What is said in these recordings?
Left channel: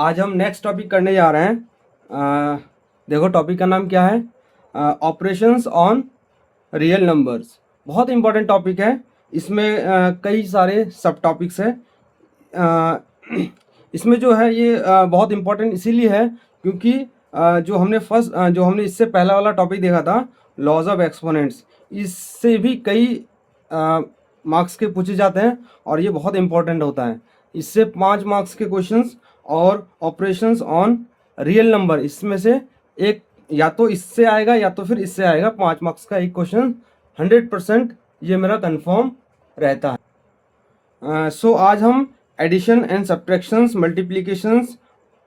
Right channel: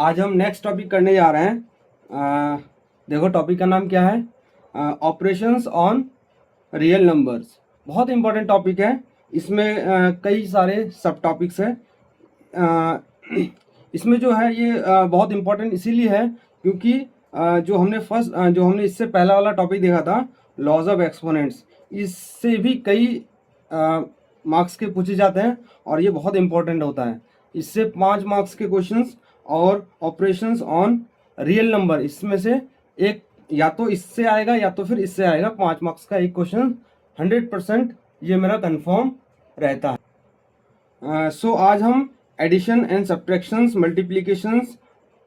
आज हम next topic करने जा रहे हैं। देखो टॉपिक का नाम क्या है, ऑपरेशंस ऑन रियल नंबर्स। बहुत इंपॉर्टेंट टॉपिक है। इसमें कई सारे सब टॉपिक्स हैं। अ, इसमें जो है ये बहुत इंपॉर्टेंट इसीलिए है क्योंकि जो हमने इससे पहला वाला टॉपिक देखा था, लॉज ऑफ एक्सपोनेंट्स, इससे भी कई मार्क्स के पूछे जाते हैं और ये बहुत इंपॉर्टेंट होता है। इससे 5 मार्क्स के क्वेश्चंस और ऑपरेशंस ऑन रियल नंबर, इसमें से एक या तो इससे आएगा या तो फिर इससे आएगा। 5 मार्क्स का एक क्वेश्चन 100% ये मेरा कंफर्म रहता है। सो आज हम addition and subtractions, multiplications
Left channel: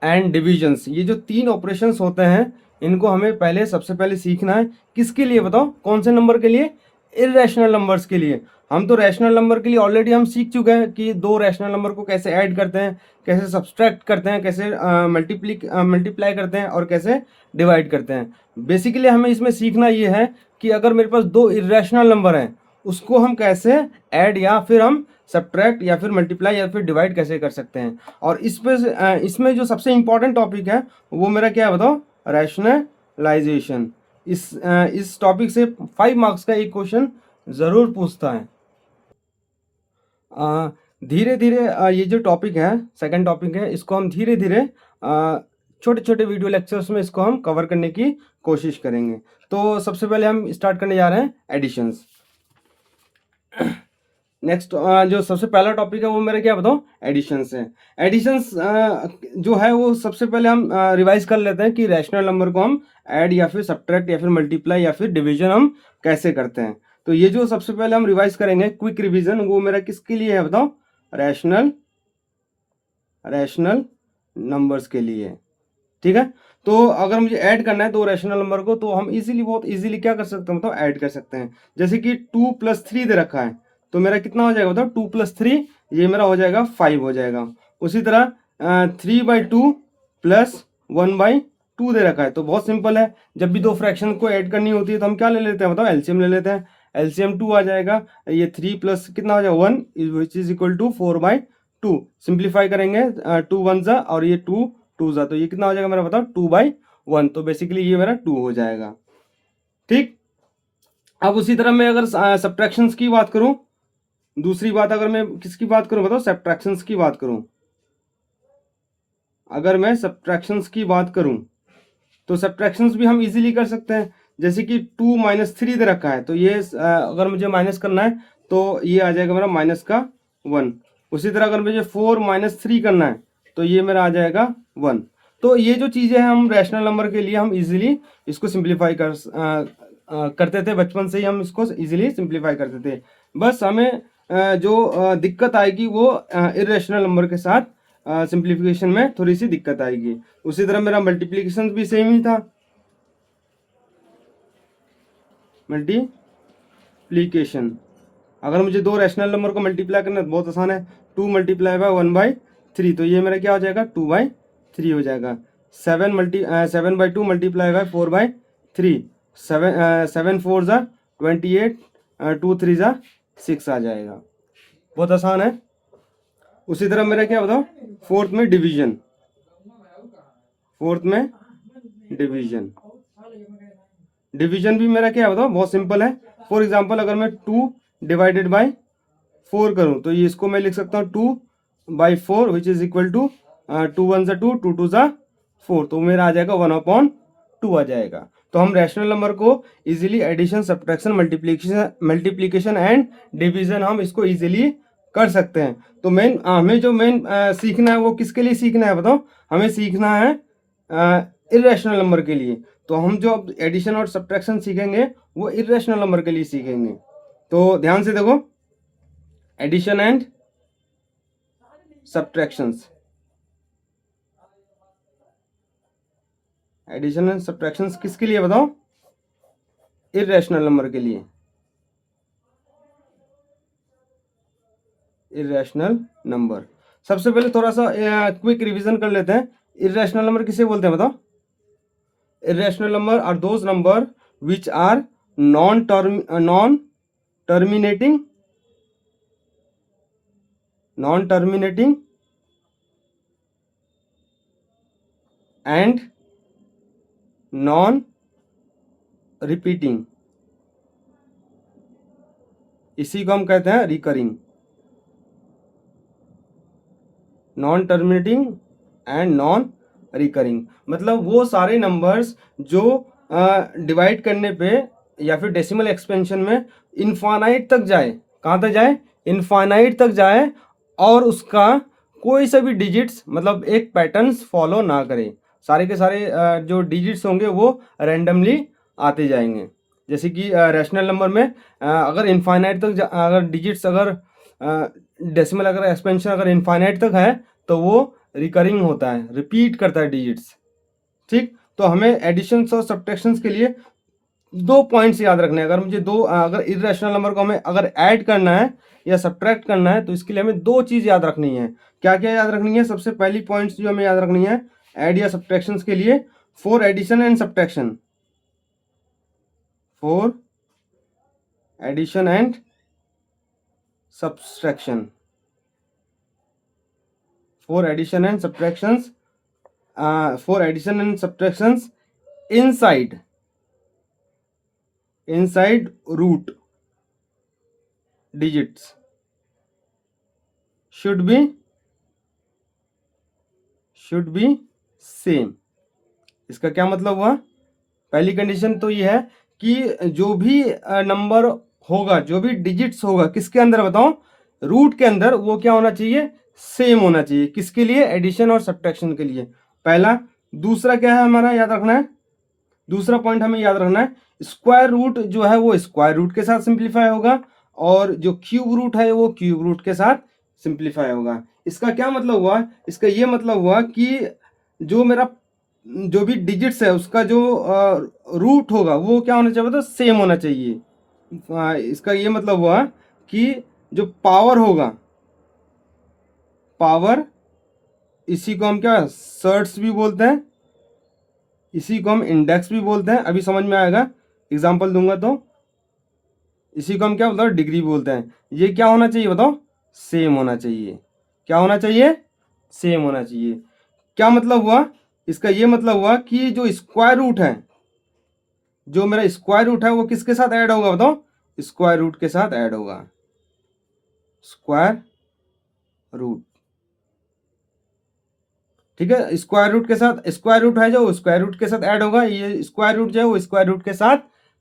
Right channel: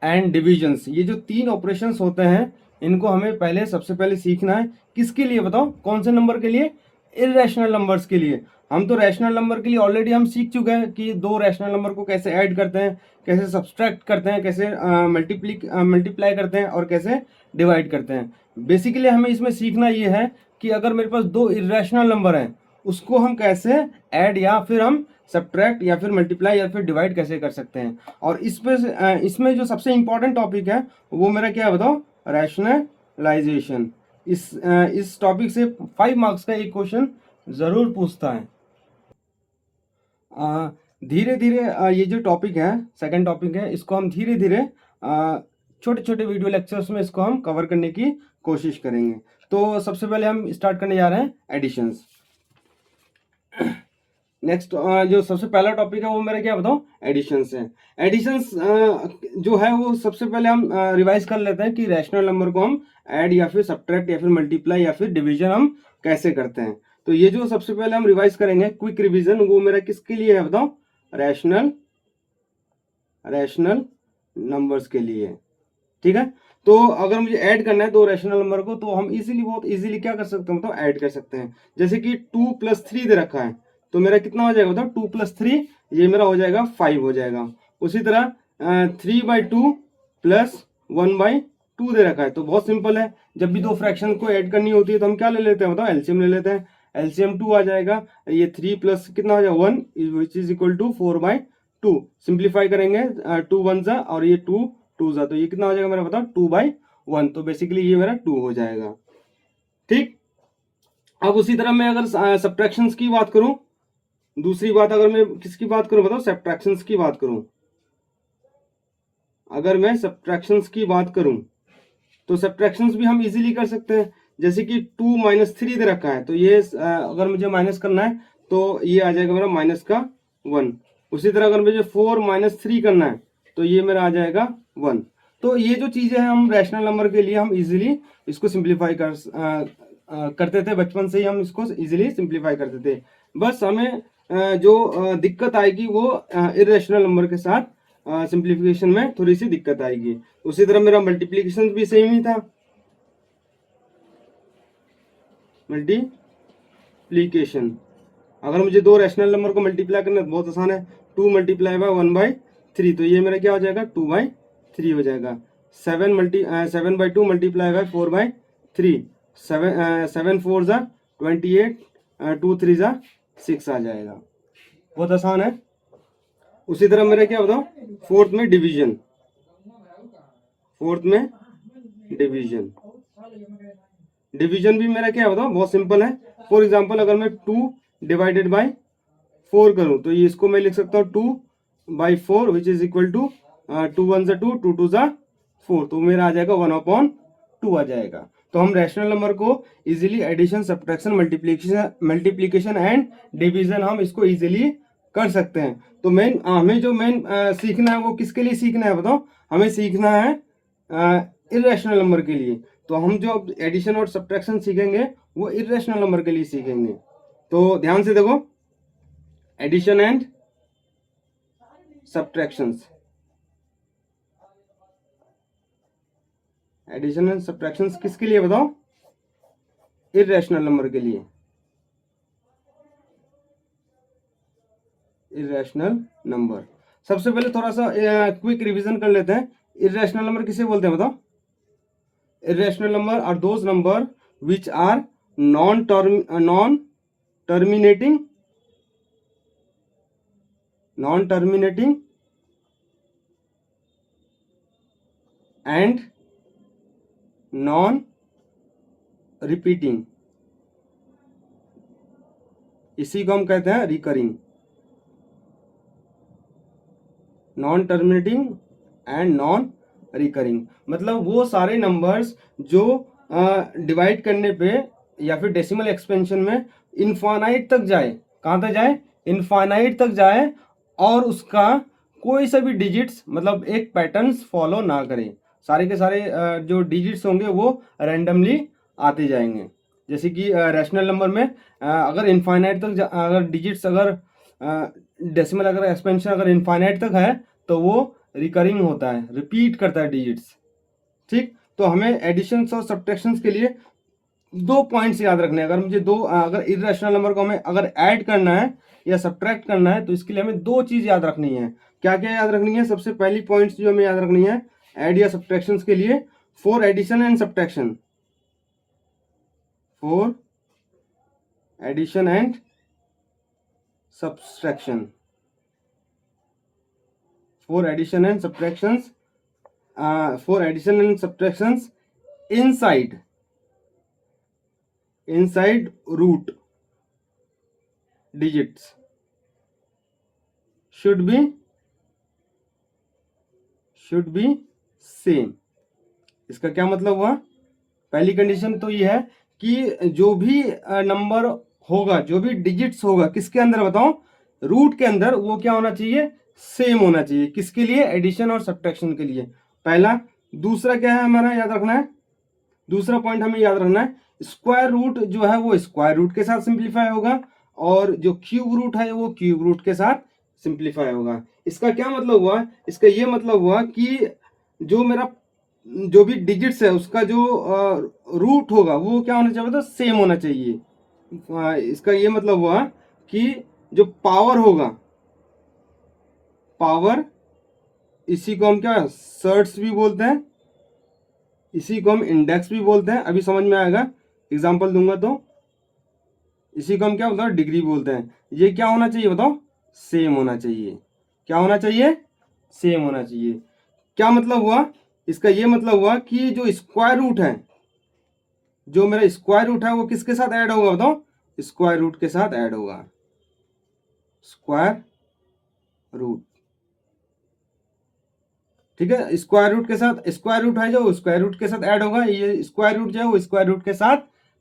and divisions, ये जो 3 ऑपरेशंस होते हैं इनको हमें सबसे पहले सीखना है। किसके लिए बताओ, कौन से नंबर के लिए? इर्रेशनल नंबर्स के लिए। हम तो रैशनल नंबर के लिए ऑलरेडी हम सीख चुके हैं कि 2 रैशनल नंबर को कैसे ऐड करते हैं, कैसे सब्सट्रैक्ट करते हैं, कैसे मल्टीप्लाई करते हैं और कैसे डिवाइड करते हैं। बेसिकली हमें इसमें सीखना ये है कि अगर मेरे पास 2 इर्रेशनल नंबर हैं उसको हम कैसे ऐड या फिर हम सब्ट्रैक्ट या फिर मल्टीप्लाई या फिर डिवाइड कैसे कर सकते हैं। और इसमें जो सबसे इंपॉर्टेंट टॉपिक है वो मेरा क्या है बताओ, रैशनलाइजेशन। इस टॉपिक से 5 मार्क्स का एक क्वेश्चन ज़रूर पूछता है। धीरे धीरे ये जो टॉपिक है, सेकंड टॉपिक है, इसको हम धीरे धीरे छोटे छोटे वीडियो लेक्चर्स में इसको हम कवर करने की कोशिश करेंगे। तो सबसे पहले हम स्टार्ट करने जा रहे हैं एडिशंस। नेक्स्ट जो सबसे पहला टॉपिक है वो मेरा क्या बताओ, एडिशंस है। एडिशंस जो है वो सबसे पहले हम रिवाइज कर लेते हैं कि रैशनल नंबर को हम ऐड या फिर सब्ट्रैक्ट या फिर मल्टीप्लाई या फिर डिवीजन हम कैसे करते हैं। तो ये जो सबसे पहले हम रिवाइज करेंगे, क्विक रिवीजन, वो मेरा किसके लिए है बताओ, रैशनल नंबर्स के लिए। ठीक है, तो अगर मुझे ऐड करना है 2 रैशनल नंबर को तो हम बहुत इजीली क्या कर सकते हैं बताओ, ऐड कर सकते हैं। जैसे कि 2 + 3 दे रखा है तो मेरा कितना हो जाएगा बताओ, 2 + 3 ये मेरा हो जाएगा 5 हो जाएगा। उसी तरह 3/2 + 1/2 दे रखा है तो बहुत सिंपल है। जब भी 2 फ्रैक्शन को ऐड करनी होती है तो हम क्या ले लेते हैं बताओ, एलसीएम ले लेते हैं। एलसीएम 2 आ जाएगा। ये 3 प्लस कितना हो जाएगा 1 which is equal to 4/2। Simplify करेंगे 2 1 जा और ये 2 2 जा, तो ये कितना हो जाएगा मेरा बताओ 2/1। तो बेसिकली ये मेरा 2 हो जाएगा। ठीक, अब उसी तरह मैं अगर सब्ट्रैक्शंस की बात करूं, दूसरी बात अगर मैं किसकी बात करूं बताओ, सब्ट्रैक्शंस की बात करूं। अगर मैं सब्ट्रैक्शंस की बात करूं तो सब्ट्रैक्शंस भी हम इजीली कर सकते हैं। जैसे कि 2 - 3 दे रखा है तो ये अगर मुझे माइनस करना है तो ये आ जाएगा मेरा -1। उसी तरह अगर मुझे 4 - 3 करना है तो ये मेरा आ जाएगा 1। तो ये जो चीज़ें हैं हम रैशनल नंबर के लिए हम इजीली इसको सिंप्लीफाई करते थे। बचपन से ही हम इसको इजीली सिंप्लीफाई करते थे। बस हमें जो दिक्कत आएगी वो इरेशनल नंबर के साथ सिंप्लीफिकेशन में थोड़ी सी दिक्कत आएगी। उसी तरह मेरा मल्टीप्लिकेशन भी सेम ही था। मल्टीप्लिकेशन अगर मुझे 2 रैशनल नंबर को मल्टीप्लाई करना है तो बहुत आसान है, 2 × 1/3 तो ये मेरा क्या हो जाएगा 2/3 हो जाएगा। 7/2 × 4/3 7 4 ज़ा 28 2 3 ज़ा 6 आ जाएगा। बहुत आसान है। उसी तरह मेरा क्या बताओ, फोर्थ में डिवीजन डिवीजन भी मेरा क्या बताओ बहुत सिंपल है। फॉर एग्जांपल अगर मैं 2 / 4 करूं तो ये इसको मैं लिख सकता हूं 2/4 विच इज इक्वल टू 2 1 ज़ा 2 2 2 ज़ा 4, तो मेरा आ जाएगा 1/2 आ जाएगा। तो हम रैशनल नंबर को easily addition, subtraction, multiplication and division हम इसको इजीली कर सकते हैं। तो हमें जो मेन सीखना है वो किसके लिए सीखना है बताओ, हमें सीखना है इरेशनल नंबर के लिए। तो हम जो एडिशन और सब्ट्रैक्शन सीखेंगे वो इरेशनल नंबर के लिए सीखेंगे। तो ध्यान से देखो, addition and subtractions, addition and subtractions किसके लिए बताओ, इरेशनल नंबर के लिए। इरेशनल नंबर, सबसे पहले थोड़ा सा क्विक रिवीजन कर लेते हैं। इरेशनल नंबर किसे बोलते हैं बताओ? Irrational number are those number which are non terminating and non repeating, इसी को हम कहते हैं recurring. Non terminating and non recurring मतलब वो सारे नंबर्स जो डिवाइड करने पे या फिर डेसिमल एक्सपेंशन में इनफाइनाइट तक जाए, कहाँ तक जाए, इनफाइनाइट तक जाए, और उसका कोई सा भी डिजिट्स मतलब एक पैटर्न्स फॉलो ना करे, सारे के सारे जो डिजिट्स होंगे वो रैंडमली आते जाएंगे। जैसे कि रैशनल नंबर में अगर इनफाइनाइट तक अगर डिजिट्स अगर डेसिमल अगर एक्सपेंशन अगर इनफाइनाइट तक है तो वो रिकरिंग होता है, रिपीट करता है डिजिट्स। ठीक, तो हमें एडिशंस और सब्ट्रैक्शंस के लिए दो पॉइंट्स याद रखने हैं। अगर मुझे दो अगर इर्रेशनल नंबर को हमें अगर ऐड करना है या सब्ट्रैक्ट करना है तो इसके लिए हमें दो चीज़ याद रखनी है। क्या क्या याद रखनी है? सबसे पहली पॉइंट्स जो हमें याद रखनी है ऐड या सब्ट्रैक्शंस के लिए, for addition and subtraction, for addition and subtraction, for addition and subtractions, for addition and subtractions inside root digits should be same। इसका क्या मतलब हुआ? पहली कंडीशन तो ये है कि जो भी नंबर होगा, जो भी डिजिट्स होगा किसके अंदर बताओ, रूट के अंदर, वो क्या होना चाहिए, सेम होना चाहिए। किसके लिए? एडिशन और सब्ट्रैक्शन के लिए, पहला। दूसरा क्या है हमारा याद रखना है, दूसरा पॉइंट हमें याद रखना है, स्क्वायर रूट जो है वो स्क्वायर रूट के साथ सिंप्लीफाई होगा और जो क्यूब रूट है वो क्यूब रूट के साथ सिंप्लीफाई होगा। इसका क्या मतलब हुआ? इसका ये मतलब हुआ कि जो मेरा जो भी डिजिट्स है उसका जो रूट होगा वो क्या होना चाहिए, तो सेम होना चाहिए। इसका ये मतलब हुआ कि जो पावर होगा, पावर, इसी को हम क्या सर्ट्स भी बोलते हैं, इसी को हम इंडेक्स भी बोलते हैं, अभी समझ में आएगा एग्जांपल दूंगा तो। इसी को हम क्या बोलते हैं, डिग्री बोलते हैं। ये क्या होना चाहिए बताओ, सेम होना चाहिए। क्या होना चाहिए? सेम होना चाहिए। क्या मतलब हुआ? इसका ये मतलब हुआ कि जो स्क्वायर रूट है, जो मेरा स्क्वायर रूट है वो किसके साथ ऐड होगा बताओ, स्क्वायर रूट के साथ ऐड होगा, स्क्वायर रूट। ठीक है, स्क्वायर रूट के साथ, स्क्वायर रूट है जो स्क्वायर रूट के साथ ऐड होगा, ये स्क्वायर रूट जो है वो स्क्वायर रूट के साथ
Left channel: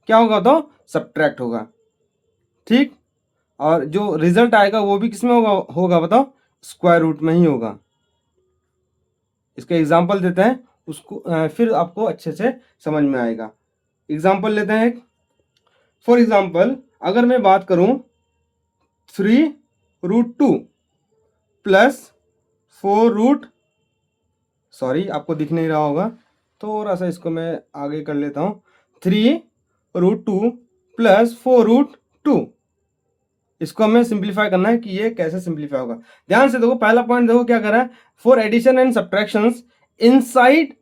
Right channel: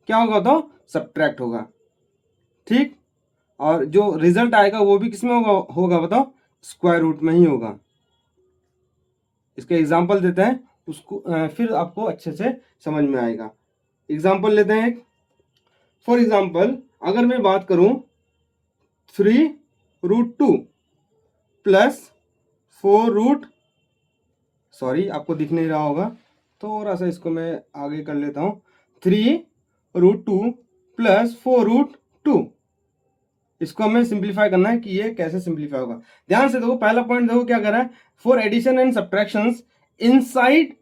क्या होगा बताओ, सब्ट्रैक्ट होगा। ठीक, और जो रिजल्ट आएगा वो भी किसमें होगा बताओ, स्क्वायर रूट में ही होगा। इसका एग्जांपल देते हैं, उसको फिर आपको अच्छे से समझ में आएगा। एग्जांपल लेते हैं एक। फॉर एग्जांपल अगर मैं बात करूं 3√2 प्लस 4 सॉरी आपको दिख नहीं रहा होगा, थोड़ा सा इसको मैं आगे कर लेता हूं। 3√2 प्लस 4√2, इसको हमें सिंप्लीफाई करना है कि ये कैसे सिंप्लीफाई होगा। ध्यान से देखो, पहला पॉइंट देखो क्या कर रहा है, for addition and subtractions inside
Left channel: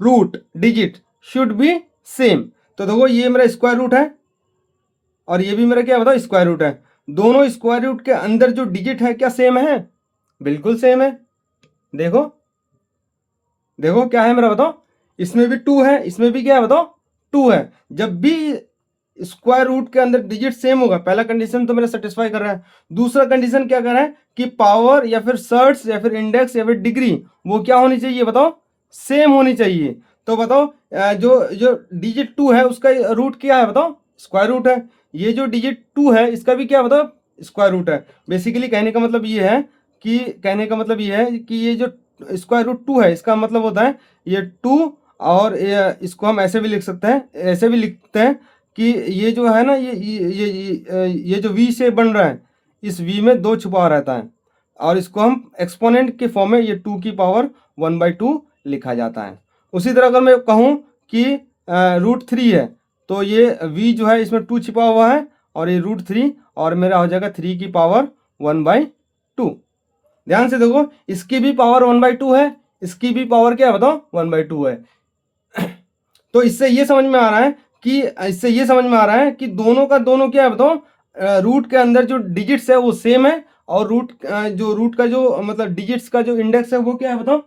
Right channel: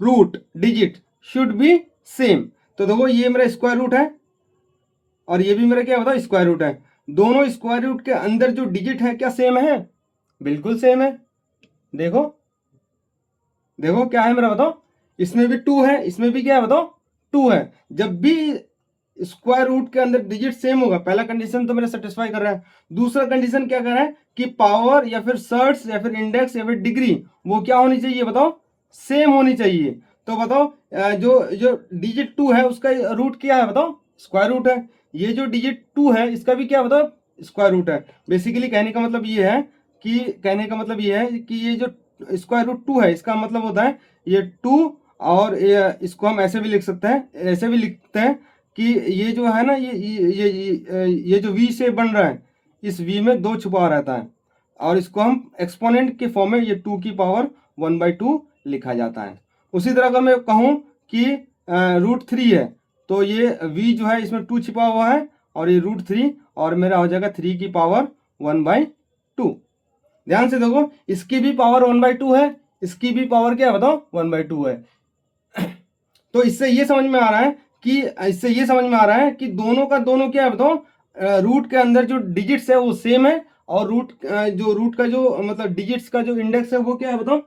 root digit should be same. तो देखो ये मेरा स्क्वायर रूट है और ये भी मेरा क्या बताओ, स्क्वायर रूट है। दोनों स्क्वायर रूट के अंदर जो डिजिट है क्या सेम है? बिल्कुल सेम है। देखो देखो क्या है मेरा बताओ, इसमें भी 2 है, इसमें भी क्या है बताओ, 2 है। जब भी स्क्वायर रूट के अंदर डिजिट सेम होगा, पहला कंडीशन तो मेरा सेटिस्फाई कर रहा है। दूसरा कंडीशन क्या कर रहा है कि पावर या फिर सर्ट्स या फिर इंडेक्स या फिर डिग्री वो क्या होनी चाहिए बताओ, सेम होनी चाहिए। तो बताओ जो जो डिजिट 2 है उसका रूट क्या है बताओ, स्क्वायर रूट है। ये जो डिजिट 2 है इसका भी क्या बताओ, स्क्वायर रूट है। बेसिकली कहने का मतलब ये है कि ये जो स्क्वायर रूट 2 है इसका मतलब होता है ये 2, और इसको हम ऐसे भी लिख सकते हैं, ऐसे भी लिखते हैं कि ये जो है ना ये जो वी शेप बन रहा है, इस वी में 2 छुपा रहता है और इसको हम एक्सपोनेंट के फॉर्म में ये 2 की पावर 1/2 लिखा जाता है। उसी तरह अगर मैं कहूँ कि √3 है तो ये वी जो है इसमें 2 छिपा हुआ है और ये √3 और मेरा हो जाएगा 3 की पावर 1/2। ध्यान से देखो, इसकी भी पावर 1/2 है, इसकी भी पावर क्या है बताओ, 1/2 है। तो इससे ये समझ में आ रहा है कि दोनों का दोनों क्या है बताओ, रूट के अंदर जो डिजिट्स है वो सेम है और रूट का जो मतलब डिजिट्स का जो इंडेक्स है वो क्या है बताओ,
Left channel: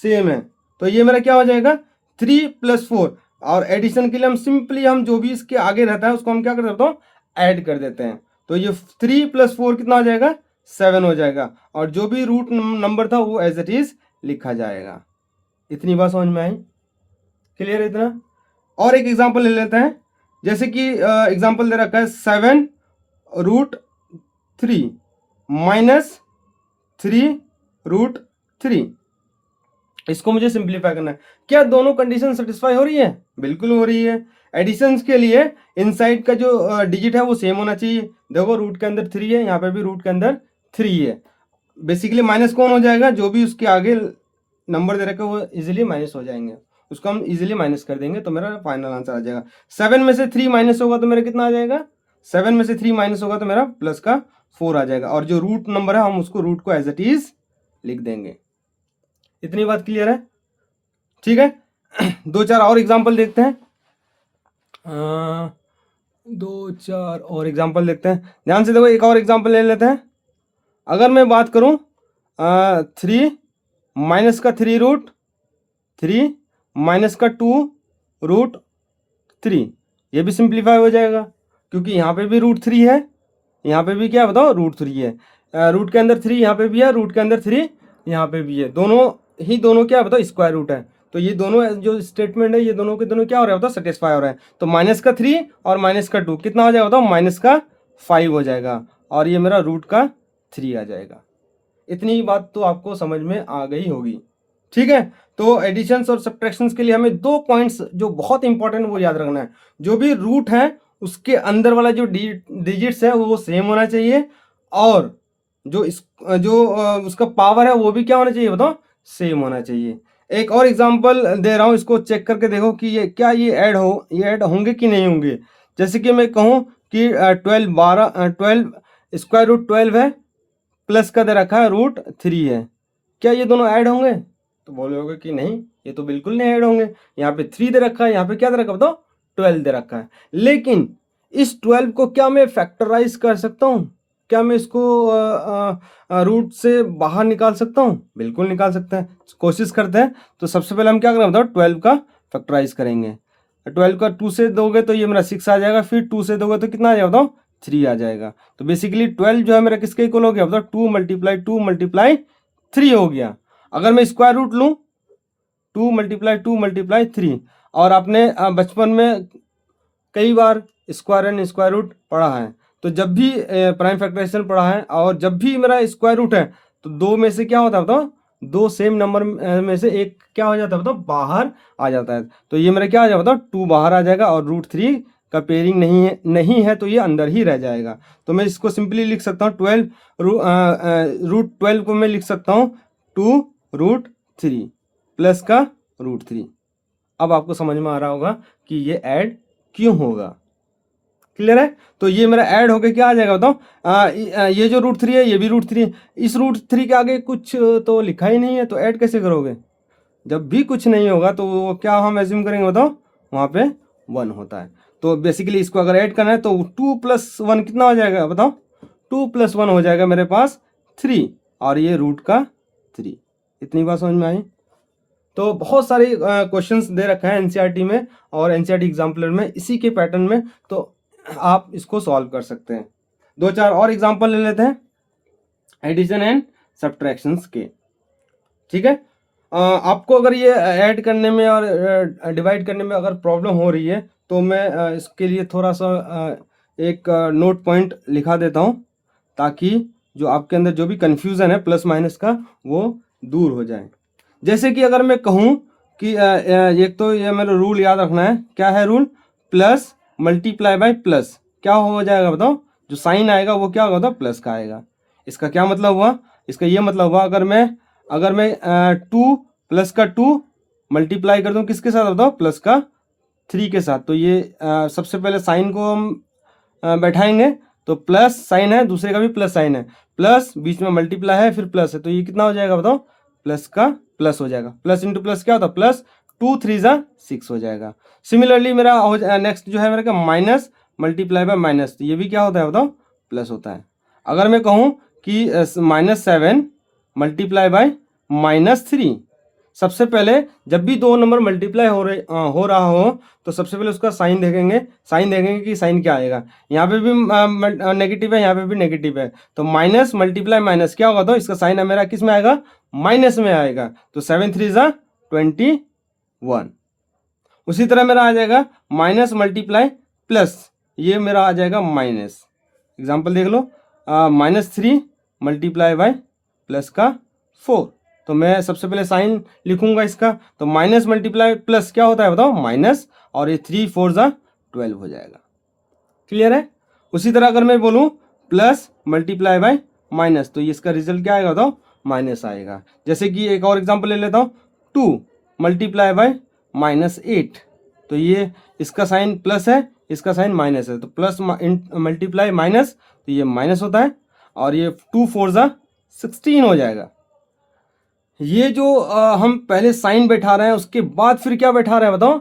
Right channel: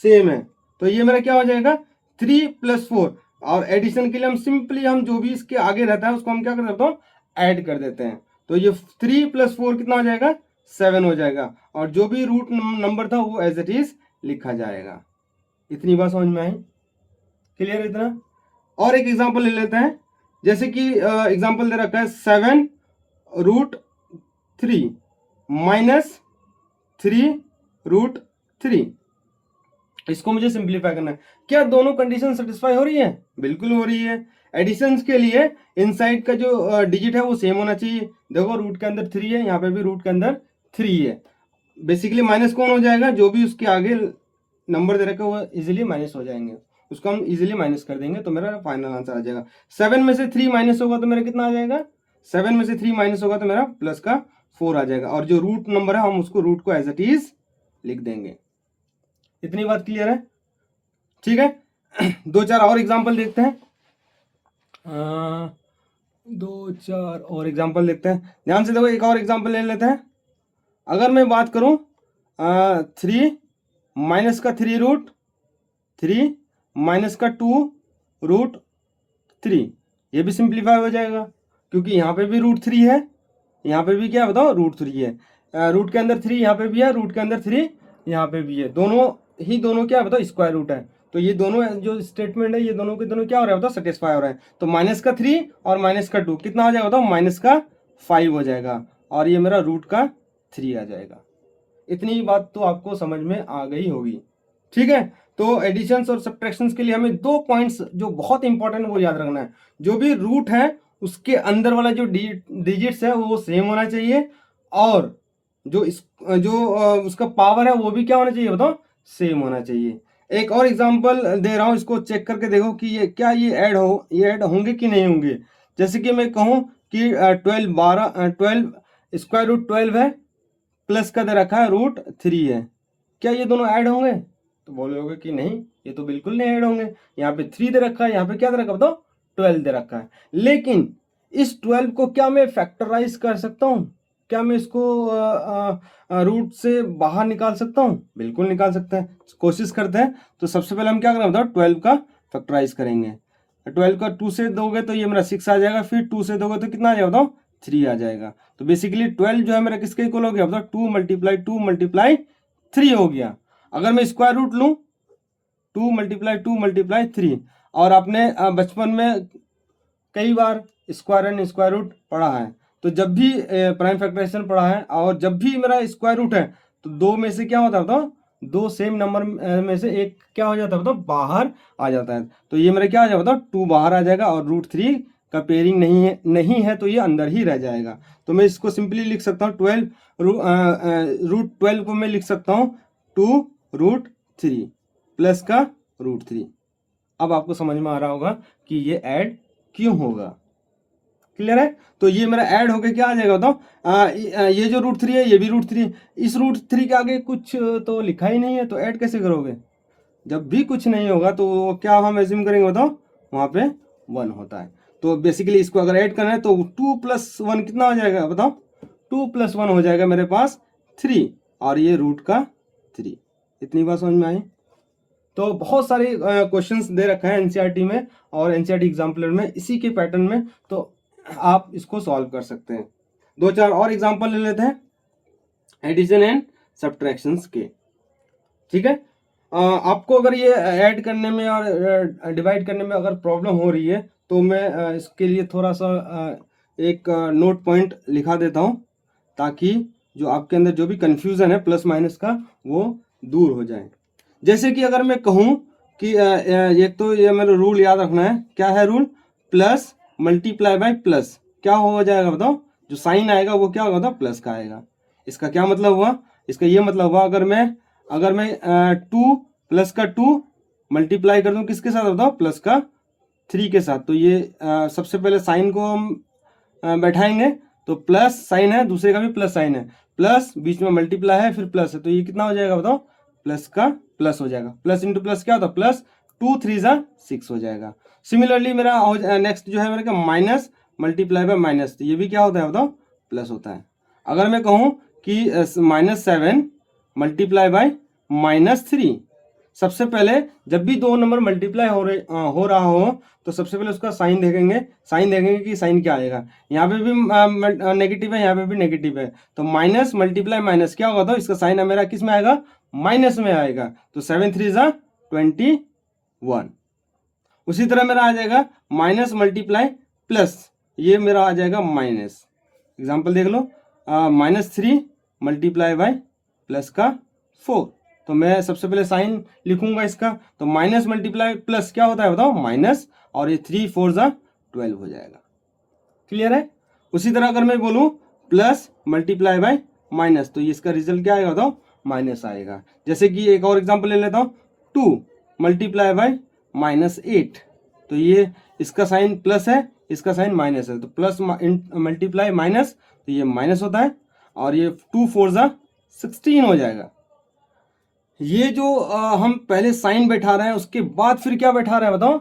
सेम है। तो ये मेरा क्या हो जाएगा 3 + 4। और एडिशन के लिए हम सिंपली हम जो भी इसके आगे रहता है उसको हम क्या कर सकते हो ऐड कर देते हैं। तो ये 3 + 4 कितना हो जाएगा 7 हो जाएगा, और जो भी रूट नंबर था वो एज इट इज लिखा जाएगा। इतनी बात समझ में आई? क्लियर है इतना? और एक एग्जांपल ले लेते हैं, जैसे कि एग्जांपल दे रखा है 7√3 - 3√3। इसको मुझे सिंप्लीफाई करना है। क्या दोनों कंडीशन सेटिस्फाई हो रही है? बिल्कुल हो रही है। एडिशंस के लिए इनसाइड का जो डिजिट है वो सेम होना चाहिए। देखो रूट के अंदर 3 है, यहाँ पे भी रूट के अंदर 3 है। बेसिकली माइनस कौन हो जाएगा? जो भी उसके आगे नंबर दे रखा है वो इजीली माइनस हो जाएंगे, उसको हम इजीली माइनस कर देंगे तो मेरा फाइनल आंसर आ जाएगा। 7 में से 3 माइनस होगा तो मेरा कितना आ जाएगा? 7 में से 3 माइनस होगा तो मेरा प्लस का 4 आ जाएगा, और जो रूट नंबर है हम उसको रूट को एज इट इज लिख देंगे। इतनी बात क्लियर है? ठीक है। 2-4 और एग्जाम्पल देखते हैं। 2-4 और एग्जाम्पल देखते हैं, ध्यान से देखो। एक और एग्जाम्पल ले लेते हैं। अगर मैं बात करूं 3 माइनस का 3√3 माइनस का 2√3, ये भी सिंप्लीफाई हो जाएगा क्योंकि यहाँ पे भी √3 है, यहाँ पे भी क्या बताओ √3 है। रूट के अंदर 3 यहाँ पे भी है, रूट के अंदर 3 यहाँ पे भी है, दोनों क्या बताओ स्क्वायर रूट है। तो ये दोनों जो स्टेटमेंट है ये दोनों के दोनों क्या हो रहा है बताओ सेटिस्फाई हो रहा है। तो माइनस का 3 और माइनस का 2 कितना हो जाएगा बताओ? माइनस का 5 हो जाएगा, और ये मेरा रूट का 3 आ जाएगा। इतनी बात तो आपको समझ में आ गई होगी। ठीक है। तो एडिशंस और सब्ट्रैक्शंस के लिए हमें 2 पॉइंट्स जो बहुत इंपॉर्टेंट वो याद रखना है। जो भी रूट है उसके अंदर वाला जो डिजिट्स है वो सेम होना चाहिए, और उसका पावर है वो भी क्या होना चाहिए बताओ? सेम होना चाहिए। एक और एग्जांपल दे रहा हूँ, इसको चेक करके देखो कि ये क्या ये ऐड होंगे कि नहीं होंगे। जैसे कि मैं कहूँ कि 12 स्क्वायर रूट 12 है, प्लस का दे रखा है √3 है, क्या ये दोनों ऐड होंगे? तो बोलोगे कि नहीं, ये तो बिल्कुल नहीं ऐड होंगे। यहाँ पे 3 दे रखा है, यहाँ पे क्या दे रखा है बताओ? 12 दे रखा है। लेकिन इस 12 को क्या मैं फैक्टराइज कर सकता हूँ? क्या मैं इसको रूट से बाहर निकाल सकता हूँ? बिल्कुल निकाल सकते हैं। कोशिश करते हैं। तो सबसे पहले हम क्या करें बताओ? 12 का फैक्टराइज करेंगे। 12 का 2 से दोगे तो ये मेरा 6 आ जाएगा, फिर 2 से दोगे तो कितना आ जाएगा बताओ? 3 आ जाएगा। तो बेसिकली 12 जो है मेरा किसके इक्वल हो गया बताओ? 2 × 2 × 3 हो गया। अगर मैं स्क्वायर रूट लूँ 2 × 2 × 3, और आपने बचपन में कई bar square and square root पढ़ा है, तो जब भी प्राइम फैक्टराइजेशन पढ़ा है और जब भी मेरा स्क्वायर रूट है तो 2 में से क्या होता है बताओ? 2 सेम नंबर में से एक क्या हो जाता है बताओ? बाहर आ जाता है। तो ये मेरा क्या आ जाएगा बताओ? 2 बाहर आ जाएगा, और √3 का पेयरिंग नहीं है तो ये अंदर ही रह जाएगा। तो मैं इसको सिंपली लिख सकता हूँ 12 √12 को मैं लिख सकता हूँ 2√3 प्लस का √3। अब आपको समझ में आ रहा होगा कि ये ऐड क्यों होगा। क्लियर है? तो ये मेरा ऐड होके क्या आ जाएगा बताओ? ये जो √3 है ये भी √3 है। इस √3 के आगे कुछ तो लिखा ही नहीं है, तो ऐड कैसे करोगे? जब भी कुछ नहीं होगा तो क्या हम एज्यूम करेंगे बताओ? वहाँ पे 1 होता है। तो बेसिकली इसको अगर ऐड करना है तो 2 + 1 कितना हो जाएगा बताओ? 2 + 1 हो जाएगा मेरे पास 3, और ये रूट का 3। इतनी बात समझ में आई? तो बहुत सारे क्वेश्चंस दे रखे हैं एनसीईआरटी में और एनसीईआरटी एग्जाम्पलर में इसी के पैटर्न में, तो आप इसको सॉल्व कर सकते हैं। 2-4 और एग्जाम्पल ले लेते हैं एडिशन एंड सब्ट्रैक्शंस के। ठीक है। आपको अगर ये ऐड करने में और डिवाइड करने में अगर प्रॉब्लम हो रही है तो मैं इसके लिए थोड़ा सा एक नोट पॉइंट लिखा देता हूँ, ताकि जो आपके अंदर जो भी कन्फ्यूज़न है प्लस माइनस का वो दूर हो जाए। जैसे कि अगर मैं कहूँ कि एक तो ये मेरा रूल याद रखना है। क्या है rule? Plus multiply by plus क्या हो जाएगा बताओ? जो साइन आएगा वो क्या होगा बताओ? प्लस का आएगा। इसका क्या मतलब हुआ? इसका ये मतलब हुआ अगर मैं 2 प्लस का 2 मल्टीप्लाई कर दूँ किसके साथ बताओ? प्लस का 3 के साथ। तो ये सबसे पहले साइन को हम बैठाएंगे, तो प्लस साइन है, दूसरे का भी प्लस साइन है, प्लस बीच में मल्टीप्लाई है फिर प्लस है, तो ये कितना हो जाएगा बताओ? प्लस का प्लस हो जाएगा। प्लस इंटू प्लस क्या होता है? प्लस 2 3 = 6 हो जाएगा। सिमिलरली मेरा नेक्स्ट जो है मेरा क्या? माइनस मल्टीप्लाई बाय माइनस, तो ये भी क्या होता है बताओ? प्लस होता है। अगर मैं कहूँ कि -7 मल्टीप्लाई बाय -3, सबसे पहले जब भी दो नंबर मल्टीप्लाई हो रहा हो तो सबसे पहले उसका साइन देखेंगे कि साइन क्या आएगा। यहाँ पे भी नेगेटिव है, यहाँ पे भी नेगेटिव है, तो माइनस मल्टीप्लाई माइनस क्या होगा, तो इसका साइन मेरा किस में आएगा, माइनस में आएगा। तो 7 3 ज़ा 21। उसी तरह मेरा आ जाएगा माइनस मल्टीप्लाई प्लस, ये मेरा आ जाएगा माइनस। एग्जाम्पल देख लो, -3 मल्टीप्लाई बाय प्लस का 4। तो मैं सबसे पहले साइन लिखूंगा इसका, तो माइनस मल्टीप्लाई प्लस क्या होता है बताओ, माइनस, और ये 3 4 ज़ा 12 हो जाएगा। क्लियर है। उसी तरह अगर मैं बोलूँ प्लस मल्टीप्लाई बाय माइनस, तो इसका रिजल्ट क्या आएगा बताओ, माइनस आएगा। जैसे कि एक और एग्जांपल ले लेता हूँ, 2 मल्टीप्लाई बाय -8, तो ये इसका साइन प्लस है, इसका साइन माइनस है, तो प्लस मल्टीप्लाई माइनस, तो ये माइनस होता है, और ये 2 4 ज़ा 16 हो जाएगा। ये जो हम पहले साइन बैठा रहे हैं, उसके बाद फिर क्या बैठा रहे हैं बताओ,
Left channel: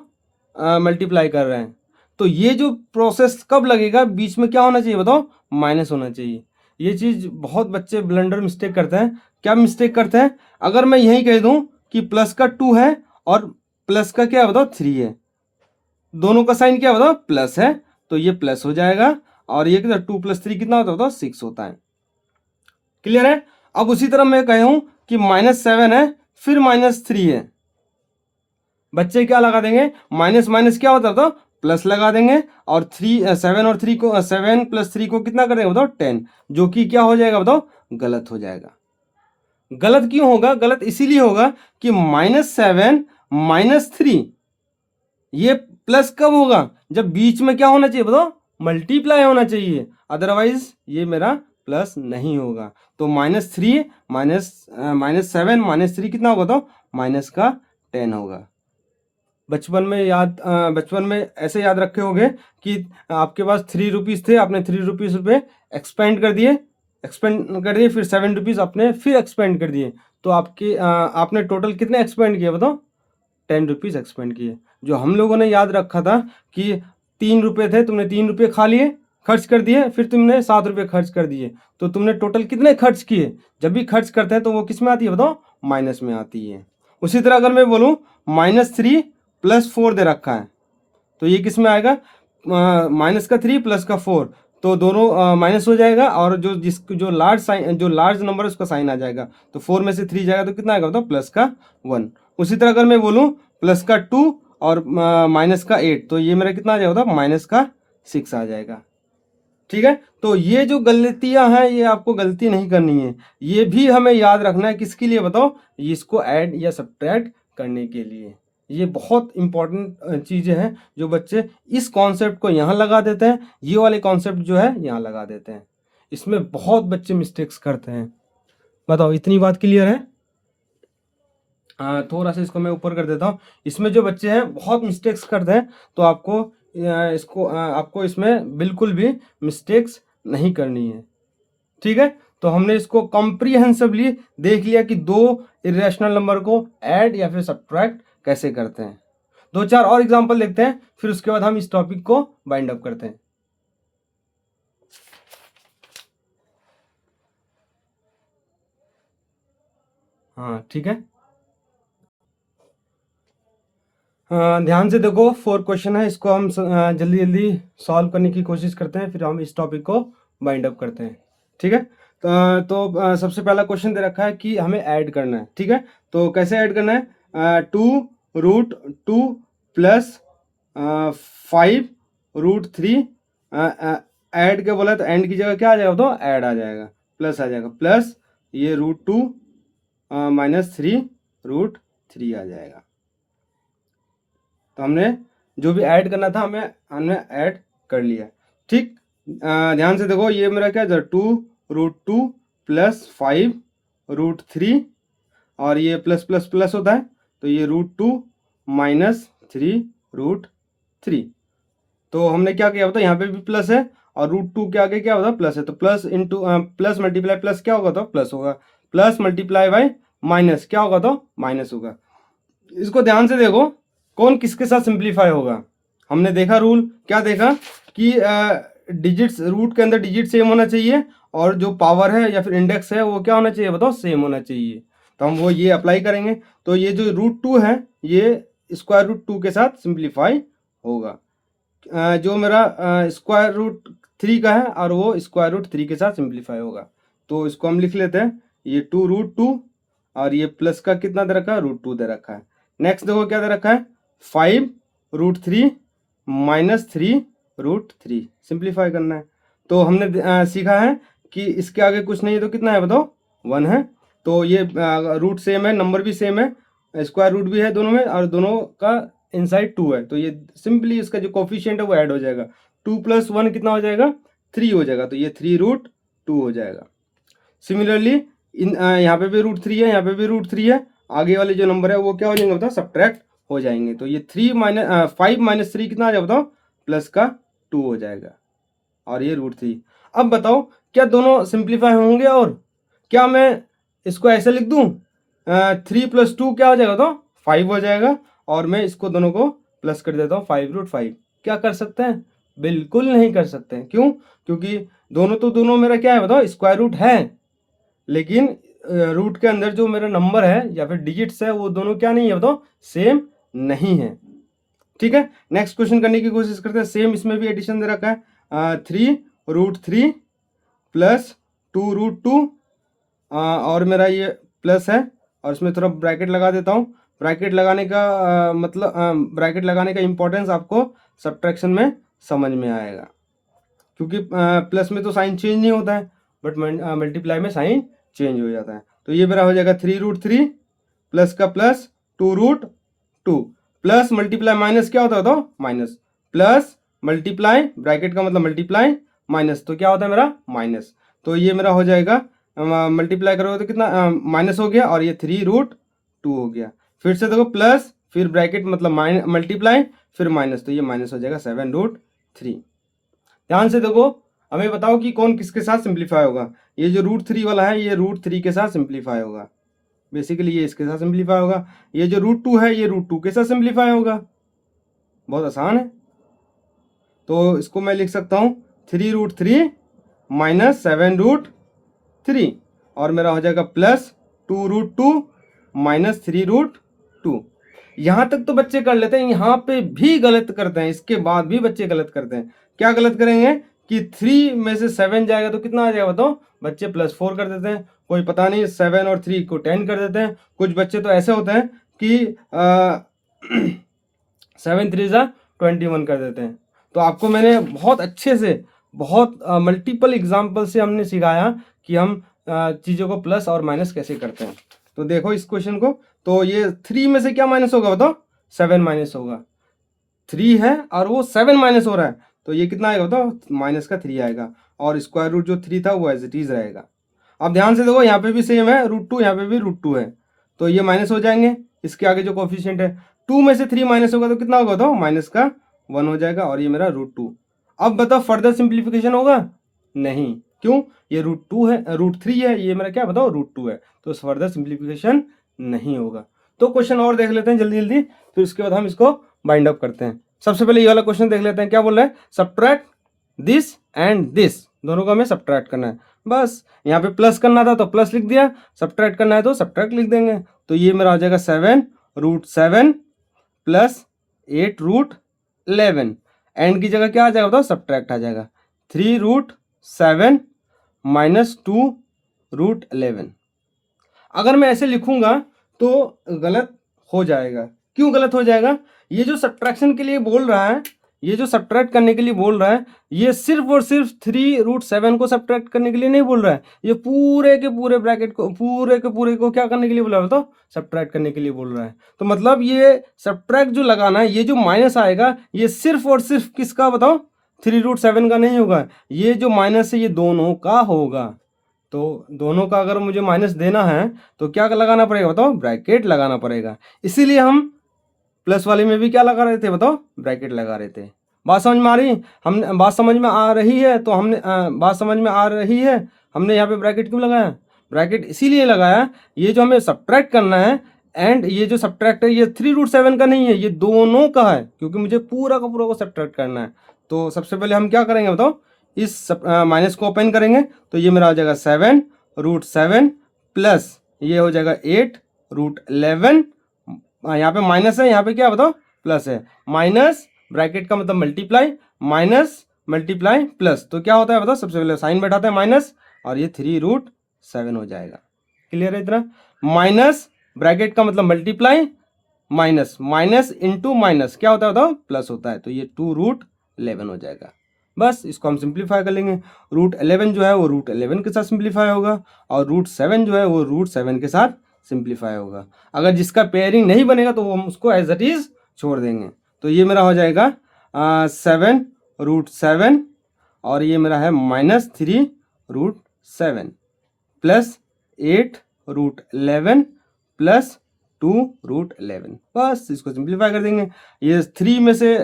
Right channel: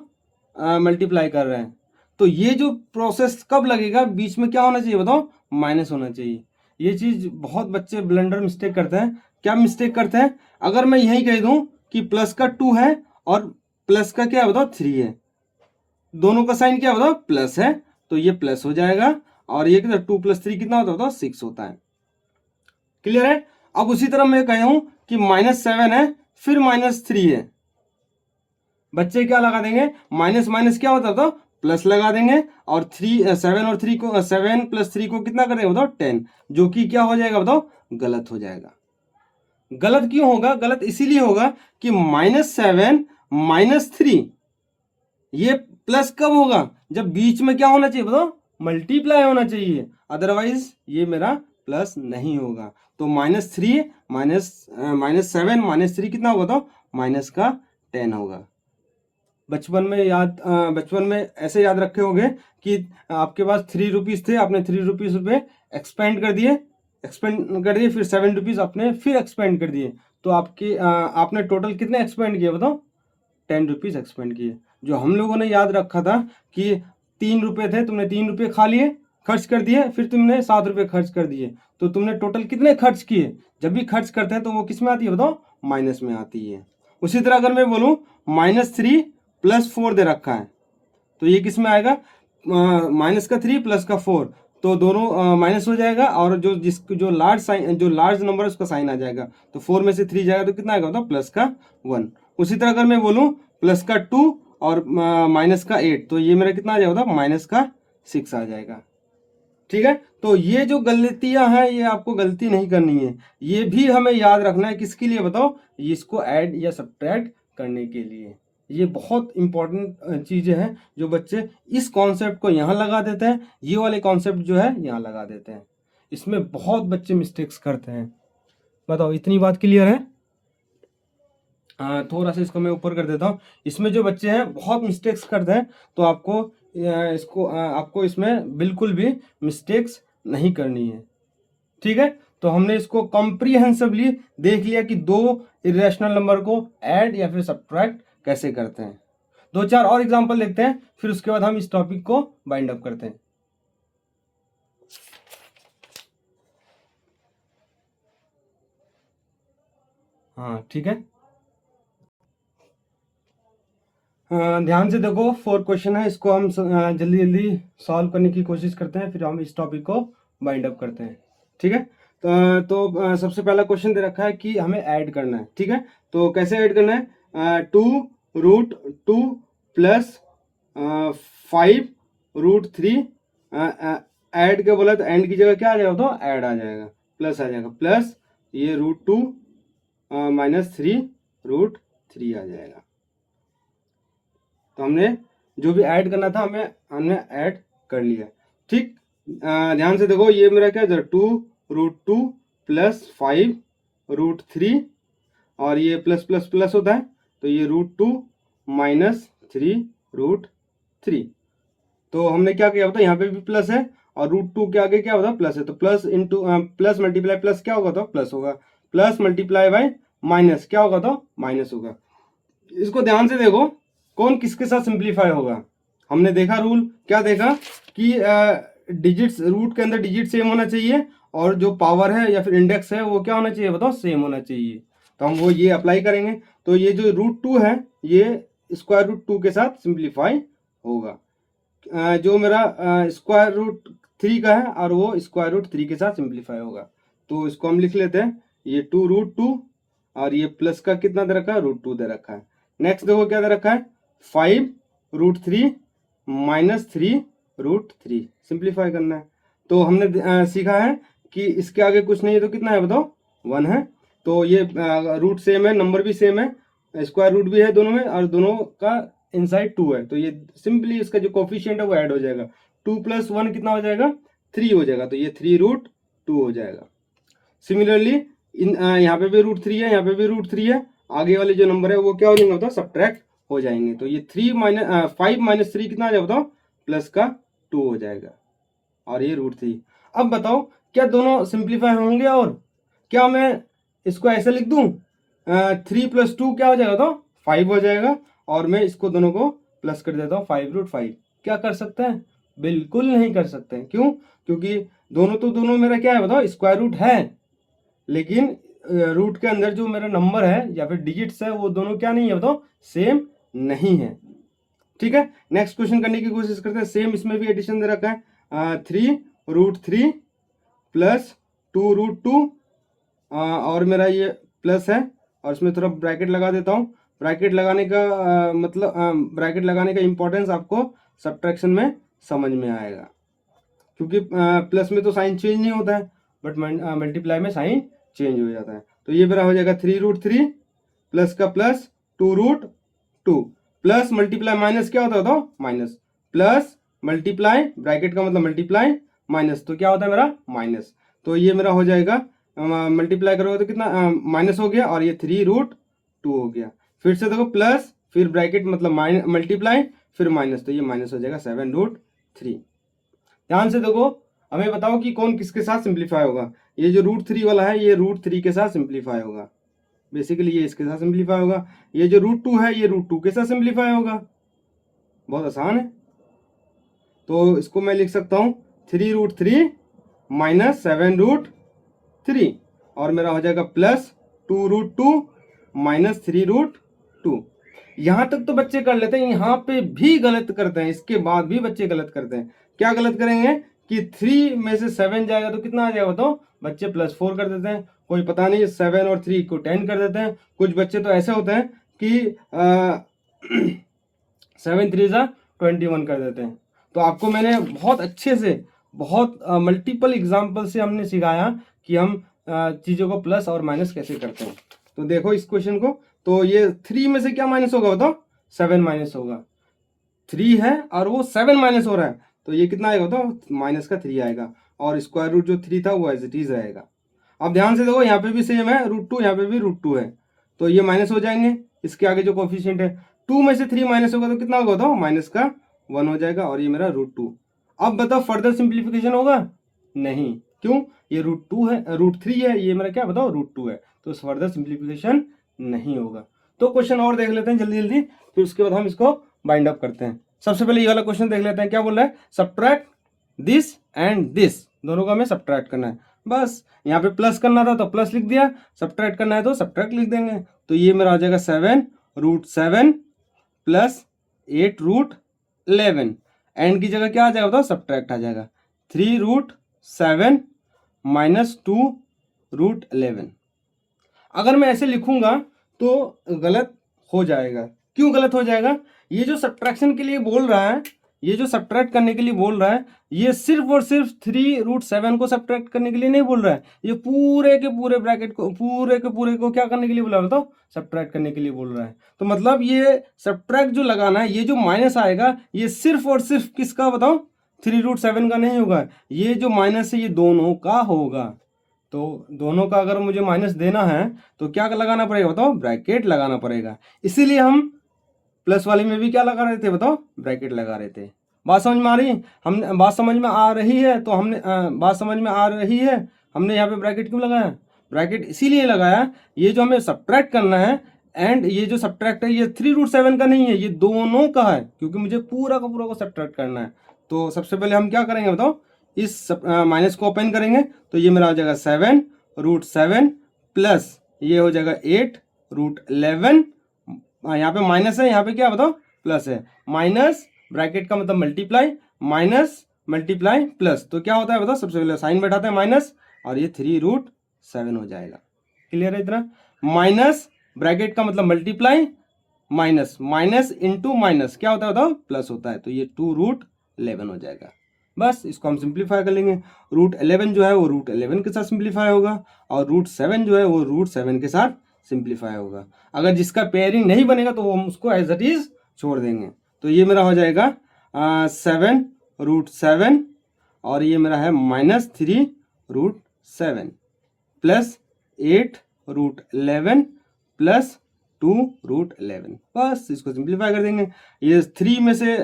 मल्टीप्लाई कर रहे हैं। तो ये जो प्रोसेस कब लगेगा, बीच में क्या होना चाहिए बताओ, माइनस होना चाहिए। ये चीज़ बहुत बच्चे ब्लंडर मिस्टेक करते हैं। क्या मिस्टेक करते हैं, अगर मैं यही कह दूं कि प्लस का 2 है और प्लस का क्या है बताओ 3 है, दोनों का साइन क्या बताओ प्लस है, तो ये प्लस हो जाएगा, और ये 2 + 3 कितना होता है बताओ 6 होता है। क्लियर है। अब उसी तरह मैं कह हूं कि -7 है फिर -3 है, बच्चे क्या लगा देंगे, माइनस माइनस क्या होता है तो प्लस लगा देंगे, और 7 और 3 को 7 + 3 को कितना कर देंगे बताओ 10, जो कि क्या हो जाएगा बताओ, गलत हो जाएगा। गलत क्यों होगा, गलत इसीलिए होगा कि -7 -3 ये प्लस कब होगा, जब बीच में क्या होना चाहिए बताओ, मल्टीप्लाई होना चाहिए, अदरवाइज ये मेरा प्लस नहीं होगा। तो -3 -7 -3 कितना होगा तो माइनस का 10 होगा। बचपन में ऐसे याद रखे होंगे कि आपके पास 3 रुपीज़ थे, आपने 3 रुपीज़ रुपये एक्सपेंड कर दिए, फिर 7 रुपीज़ आपने फिर एक्सपेंड कर दिए, तो आपने टोटल कितने एक्सपेंड किए बताओ, 10 रुपीज़ एक्सपेंड किए। जो हम लोगों ने याद रखा था कि 3 रुपये थे, तुमने 3 रुपये खा लिए, खर्च कर दिए, फिर तुमने 7 रुपये खर्च कर दिए, तो तुमने टोटल कितने खर्च किए। जब भी खर्च करते हैं तो वो किस में आती है बताओ, माइनस में आती है। उसी तरह अगर मैं बोलूँ -3 + 4 दे रखा है, तो ये किस में आएगा, माइनस का 3 प्लस का 4, तो दोनों माइनस हो जाएगा, और जो लार्ज नंबर है उसका साइन आ जाएगा, तो 4 में से 3 जाएगा तो कितना आएगा बताओ, +1। उसी तरह अगर मैं बोलूँ प्लस का 2 और माइनस का 8, तो ये मेरा कितना आ जाएगा, -6 आ जाएगा। ठीक है। तो ये जो गलतियां हैं ये आपको गलती नहीं करनी है, ये भी हमें याद रखना है, किसके लिए बताओ, इसको ऐड या सब्ट्रैक्ट करने के लिए। ये बहुत इंपॉर्टेंट चीज़ें हैं जो बच्चे इस कॉन्सेप्ट को यहाँ लगा देते हैं, ये वाले कॉन्सेप्ट जो है यहाँ लगा देते हैं, इसमें बहुत बच्चे मिस्टेक्स करते हैं। बताओ, इतनी बात क्लियर है। थोड़ा सा इसको मैं ऊपर कर देता हूँ। इसमें जो बच्चे हैं बहुत मिस्टेक्स करते हैं, तो आपको इसमें बिल्कुल भी मिस्टेक्स नहीं करनी है। ठीक है। तो हमने इसको कॉम्प्रिहेंसिवली देख लिया कि दो इरेशनल नंबर को ऐड या फिर सब्ट्रैक्ट कैसे करते हैं। 2-4 और एग्जांपल देखते हैं, फिर उसके बाद हम इस टॉपिक को बाइंड अप करते हैं। हाँ ठीक है। ध्यान से देखो, 4 क्वेश्चन है, इसको हम जल्दी जल्दी सॉल्व करने की कोशिश करते हैं, फिर हम इस टॉपिक को बाइंड अप करते हैं। ठीक है। तो सबसे पहला क्वेश्चन दे रखा है कि हमें ऐड करना है। ठीक है। तो कैसे ऐड करना है, 2√2 + 5√3 ऐड क्या बोला, तो एंड की जगह क्या आ जाएगा, तो ऐड आ जाएगा, प्लस आ जाएगा, प्लस ये √2 - 3√3 आ जाएगा। तो हमने जो भी ऐड करना था हमने ऐड कर लिया। ठीक। ध्यान से देखो, ये मेरा क्या है, 2√2 + 5√3, और ये प्लस प्लस प्लस होता है, तो ये √2 - 3√3। तो हमने क्या किया होता है, यहाँ पे भी प्लस है, और √2 के आगे क्या होता है, प्लस है, तो plus into plus multiply plus क्या होगा, तो प्लस होगा, प्लस मल्टीप्लाई बाय माइनस क्या होगा, तो माइनस होगा। इसको ध्यान से देखो, कौन किसके साथ सिंप्लीफाई होगा। हमने देखा रूल, क्या देखा कि डिजिट्स, रूट के अंदर डिजिट सेम होना चाहिए, और जो पावर है या फिर इंडेक्स है वो क्या होना चाहिए बताओ, सेम होना चाहिए। तो हम वो ये अप्लाई करेंगे। तो ये जो √2 है ये स्क्वायर रूट 2 के साथ सिंप्लीफाई होगा। जो मेरा √3 का है और वो √3 के साथ सिंप्लीफाई होगा। तो इसको हम लिख लेते हैं, ये 2√2 और ये प्लस का कितना दे रखा है, √2 दे रखा है। नेक्स्ट देखो क्या दे रखा है, 5√3 माइनस 3√3 सिंप्लीफाई करना है। तो हमने सीखा है कि इसके आगे कुछ नहीं है तो कितना है बताओ, 1 है। तो ये रूट सेम है, नंबर भी सेम है, स्क्वायर रूट भी है दोनों में, और दोनों का इनसाइड 2 है। तो ये सिंपली इसका जो कोफिशिएंट है वो ऐड हो जाएगा, 2 + 1 कितना हो जाएगा, 3 हो जाएगा। तो ये 3√2 हो जाएगा। सिमिलरली यहाँ पे भी √3 है, यहाँ पे भी √3 है, आगे वाले जो नंबर है वो क्या हो जाएंगे बताओ, सब्ट्रैक्ट हो जाएंगे। तो ये 5 - 3 कितना आ जाएगा बताओ, प्लस का 2 हो जाएगा, और ये √3। अब बताओ क्या दोनों सिंप्लीफाई होंगे, और क्या मैं इसको ऐसे लिख दूं, 3 + 2 क्या हो जाएगा तो 5 हो जाएगा, और मैं इसको दोनों को प्लस कर देता हूँ 5√5। क्या कर सकते हैं, बिल्कुल नहीं कर सकते हैं। क्यों, क्योंकि दोनों मेरा क्या है बताओ, स्क्वायर रूट है, लेकिन रूट के अंदर जो मेरा नंबर है या फिर डिजिट्स है वो दोनों क्या नहीं है बताओ, सेम नहीं है। ठीक है, नेक्स्ट क्वेश्चन करने की कोशिश करते हैं। सेम इसमें भी एडिशन दे रखा है, 3√3 प्लस 2√2, और मेरा ये प्लस है, और इसमें थोड़ा ब्रैकेट लगा देता हूँ। ब्रैकेट लगाने का ब्रैकेट लगाने का इंपॉर्टेंस आपको सब्ट्रैक्शन में समझ में आएगा, क्योंकि प्लस में तो साइन चेंज नहीं होता है, बट मल्टीप्लाई में साइन चेंज हो जाता है। तो ये मेरा हो जाएगा 3√3 प्लस का प्लस 2√2 प्लस मल्टीप्लाई माइनस क्या होता है तो माइनस, प्लस मल्टीप्लाई ब्रैकेट का मतलब मल्टीप्लाई माइनस, तो क्या होता है मेरा माइनस। तो ये मेरा हो जाएगा, मल्टीप्लाई करोगे तो कितना माइनस हो गया, और ये 3√2 हो गया। फिर से देखो प्लस, फिर ब्रैकेट मतलब मल्टीप्लाई, फिर माइनस, तो ये माइनस हो जाएगा 7√3। ध्यान से देखो, हमें बताओ कि कौन किसके साथ सिंप्लीफाई होगा। ये जो √3 वाला है ये √3 के साथ सिंप्लीफाई होगा, बेसिकली ये इसके साथ सिंप्लीफाई होगा। ये जो √2 है ये √2 के साथ सिंप्लीफाई होगा, बहुत आसान है। तो इसको मैं लिख सकता हूँ 3√3 माइनस 7√3, और मेरा हो जाएगा प्लस 2√2 माइनस 3√2। यहाँ तक तो बच्चे कर लेते हैं, यहाँ पे भी गलत करते हैं, इसके बाद भी बच्चे गलत करते हैं। क्या गलत करेंगे कि 3 में से 7 जाएगा तो कितना आ जाएगा बताओ, बच्चे +4 कर देते हैं। कोई पता नहीं 7 और 3 को 10 कर देते हैं। कुछ बच्चे तो ऐसे होते हैं कि 7 3 जा 21 कर देते हैं। तो आपको मैंने बहुत अच्छे से, बहुत मल्टीपल एग्जाम्पल से हमने सिखाया कि हम चीज़ों को प्लस और माइनस कैसे करते हैं। तो देखो इस क्वेश्चन को, तो ये 3 में से क्या माइनस होगा बताओ, 7 माइनस होगा। 3 है और वो 7 माइनस हो रहा है, तो ये कितना आएगा बताओ, माइनस का 3 आएगा, और स्क्वायर रूट जो 3 था वो एज इट इज रहेगा। अब ध्यान से देखो, यहाँ पे भी सेम है, √2, यहाँ पे भी √2 है, तो ये माइनस हो जाएंगे। इसके आगे जो कोफिशिएंट है, 2 में से 3 माइनस होगा तो कितना होगा बताओ, माइनस का 1 हो जाएगा, और ये मेरा √2। अब बताओ फर्दर सिंप्लीफिकेशन होगा, नहीं, क्यों, ये √2 है, √3 है, ये मेरा क्या बताओ √2 है, तो फर्दर सिंप्लीफिकेशन नहीं होगा। तो क्वेश्चन और देख लेते हैं जल्दी जल्दी, फिर उसके बाद हम इसको बाइंड अप करते हैं। सबसे पहले ये वाला क्वेश्चन देख लेते हैं, क्या बोल रहा है, सब्ट्रैक्ट दिस एंड दिस, दोनों को हमें सब्ट्रैक्ट करना है। बस यहाँ पे प्लस करना था तो प्लस लिख दिया, सब्ट्रैक्ट करना है तो सब्ट्रैक्ट लिख देंगे। तो ये मेरा आ जाएगा 7√7 प्लस 8√11, एंड की जगह क्या आ जाएगा बताओ, सब्ट्रैक्ट आ जाएगा, 3√7 माइनस 2√11। अगर मैं ऐसे लिखूंगा तो गलत हो जाएगा। क्यों गलत हो जाएगा, ये जो सब्ट्रैक्शन के लिए बोल रहा है, ये जो सब्ट्रैक्ट करने के लिए बोल रहा है, ये सिर्फ और सिर्फ 3√7 को सब्ट्रैक्ट करने के लिए नहीं बोल रहा है, ये पूरे के पूरे ब्रैकेट को, पूरे के पूरे को क्या करने के लिए बोला है तो सब्ट्रैक्ट करने के लिए बोल रहा है। तो मतलब ये सब्ट्रैक्ट जो लगाना है, ये जो माइनस आएगा, ये सिर्फ और सिर्फ किसका बताओ, 3√7 का नहीं होगा, ये जो माइनस है ये दोनों का होगा। तो दोनों का अगर मुझे माइनस देना है तो क्या लगाना पड़ेगा बताओ, ब्रैकेट लगाना पड़ेगा। इसीलिए हम प्लस वाले में भी क्या लगा रहे थे बताओ, ब्रैकेट लगा रहे थे। बात समझ में आ रही, हम बात समझ में आ रही है, तो हमने बात समझ में आ रही है, हमने यहाँ पे ब्रैकेट क्यों लगाया, ब्रैकेट इसीलिए लगाया, ये जो हमें सब्ट्रैक्ट करना है, एंड ये जो सब्ट्रैक्ट है ये 3√7 का नहीं है, ये दोनों का है, क्योंकि मुझे पूरा का पूरा को सब्ट्रैक्ट करना है। तो सबसे पहले हम क्या करेंगे बताओ, इस माइनस को ओपन करेंगे, तो ये मेरा आ जाएगा 7√7 प्लस, ये हो जाएगा 8√11, यहाँ पे माइनस है, यहाँ पे क्या बताओ प्लस है, माइनस ब्रैकेट का मतलब मल्टीप्लाई, माइनस मल्टीप्लाई प्लस, तो क्या होता है बताओ, सबसे पहले साइन बैठाते हैं माइनस, और ये 3√7 हो जाएगा। क्लियर है इतना? माइनस ब्रैकेट का मतलब multiply, minus minus into minus क्या होता है बताओ, प्लस होता है, तो ये 2√11 हो जाएगा। बस इसको हम सिंप्लीफाई कर लेंगे। √11 जो है वो √11 के साथ सिंप्लीफाई होगा, और √7 जो है वो √7 के साथ सिंप्लीफाई होगा। अगर जिसका पेयरिंग नहीं बनेगा तो वो हम उसको एज इट इज छोड़ देंगे। तो ये मेरा हो जाएगा 7√7, और ये मेरा है -3√7 प्लस 8√11 प्लस 2√11। बस इसको सिंप्लीफाई कर देंगे। ये 3 में से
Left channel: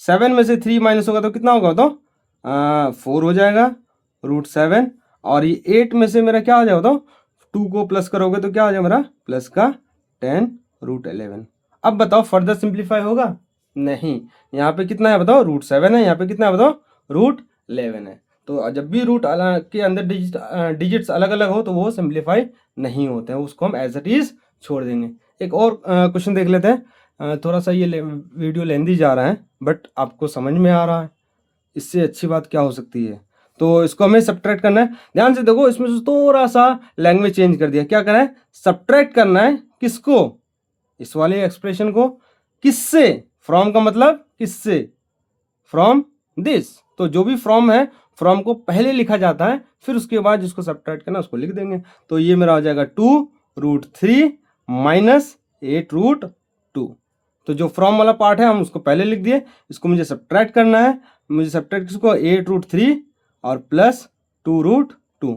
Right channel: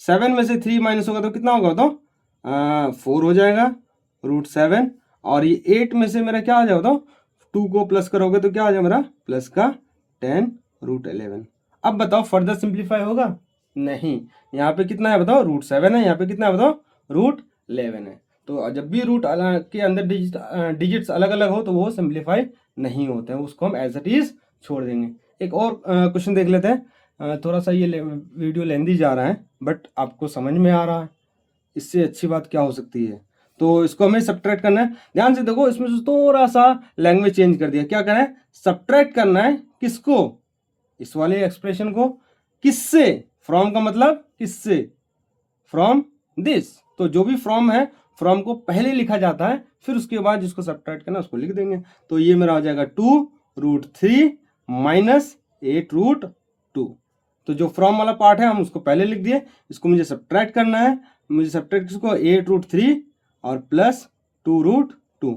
7 में से 3 माइनस होगा तो कितना होगा तो 4 हो जाएगा √7, और ये 8 में से मेरा क्या आ जाएगा तो 2 को प्लस करोगे तो क्या आ जाएगा मेरा प्लस का 10√11। अब बताओ फर्दर सिंप्लीफाई होगा? नहीं। यहाँ पे कितना है बताओ, √7 है, यहाँ पे कितना है बताओ, √11 है। तो जब भी रूट के अंदर डिजिट्स अलग अलग हो तो वो सिंप्लीफाई नहीं होते हैं, उसको हम एज इट इज छोड़ देंगे। एक और क्वेश्चन देख लेते हैं। थोड़ा सा ये वीडियो लेंदी जा रहा है बट आपको समझ में आ रहा है, इससे अच्छी बात क्या हो सकती है। तो इसको हमें सब्ट्रैक्ट करना है। ध्यान से देखो, इसमें थोड़ा सा लैंग्वेज चेंज कर दिया। क्या करना है, सब्ट्रैक्ट करना है किसको, इस वाले एक्सप्रेशन को किससे, फ्रॉम का मतलब किससे, फ्रॉम दिस। तो जो भी फ्रॉम है, फ्रॉम को पहले लिखा जाता है, फिर उसके बाद जिसको सब्ट्रैक्ट करना है उसको लिख देंगे। तो ये मेरा हो जाएगा 2√3 माइनस 8√2। तो जो फ्रॉम वाला पार्ट है हम उसको पहले लिख दिए, इसको मुझे सब्ट्रैक्ट करना है। मुझे सब्ट्रैक्ट किसको, 8√3 और प्लस 2√2।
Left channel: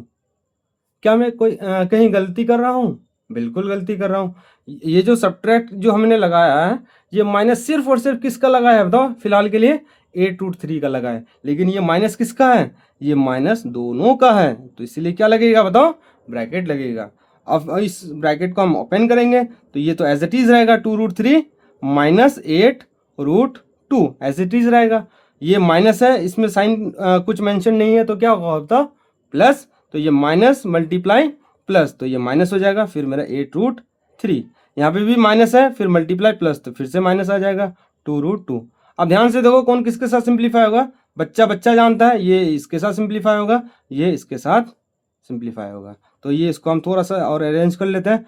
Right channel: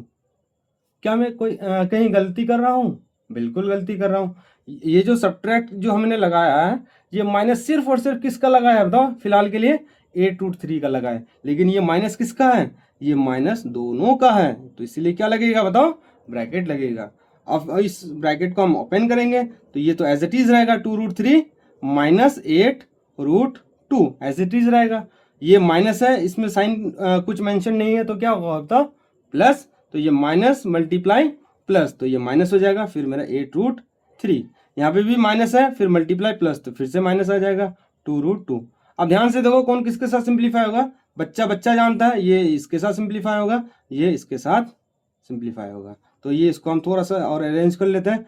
क्या मैं कोई कहीं गलती कर रहा हूँ? बिल्कुल गलती कर रहा हूँ। ये जो सब्ट्रैक्ट जो हमने लगाया है, ये माइनस सिर्फ और सिर्फ किसका लगाया है बताओ, फिलहाल के लिए 8√3 का लगा है, लेकिन ये माइनस किसका है, ये माइनस दोनों का है। तो इसलिए क्या लगेगा बताओ, ब्रैकेट लगेगा। अब इस ब्रैकेट को हम ओपन करेंगे तो ये तो एज इट इज रहेगा 2√3 माइनस 8√2 एज इट इज रहेगा। ये माइनस है, इसमें साइन कुछ मेंशन नहीं है तो क्या होगा प्लस, तो ये माइनस मल्टीप्लाई प्लस, तो ये माइनस हो जाएगा, फिर मेरा 8√3। यहाँ पे भी माइनस है, फिर मल्टीप्लाई प्लस, तो फिर से माइनस आ जाएगा 2√2। अब ध्यान से देखो कौन किसके साथ सिंप्लीफाई होगा, बच्चा बच्चा जानता है, ये इसके साथ सिंप्लीफाई होगा, ये इसके साथ सिंप्लीफाई होगा। तो ये इसको हम थोड़ा सा और अरेंज कर लेते हैं।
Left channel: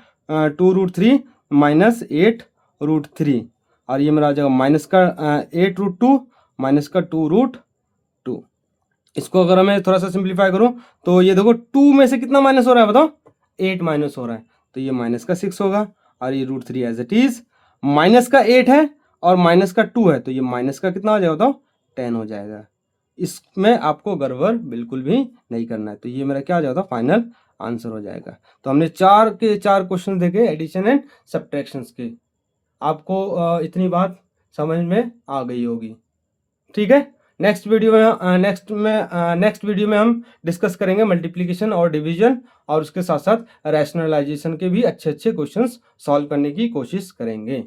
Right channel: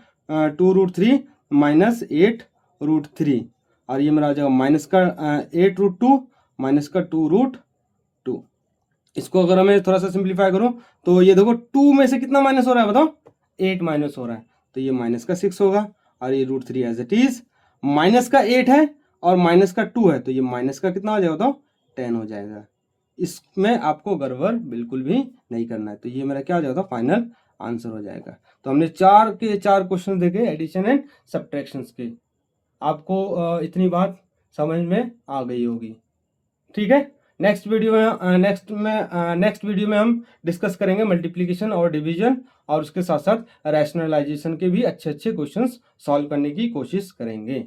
2√3 माइनस 8√3, और ये मेरा आ जाएगा माइनस का 8√2 माइनस का 2√2। इसको अगर मैं थोड़ा सा सिंप्लीफाई करूं तो ये देखो 2 में से कितना माइनस हो रहा है बताओ, 8 माइनस हो रहा है, तो ये माइनस का 6 होगा, और ये √3 एज इट इज, माइनस का 8 है और माइनस का 2 है, तो ये माइनस का कितना हो जाएगा बताओ, 10 हो जाएगा। इसमें आपको गड़बड़ बिल्कुल भी नहीं करना है। तो ये मेरा क्या हो जाएगा, फाइनल आंसर हो जाएगा। तो हमने 4 के 4 क्वेश्चन देखे एडिशन एंड सब्ट्रैक्शंस के। आपको इतनी बात समझ में आ गई होगी, ठीक है। नेक्स्ट वीडियो में हम डिस्कस करेंगे मल्टीप्लिकेशन और डिवीजन, और उसके साथ साथ रैशनलाइजेशन के भी अच्छे अच्छे क्वेश्चंस सॉल्व करने की कोशिश करेंगे।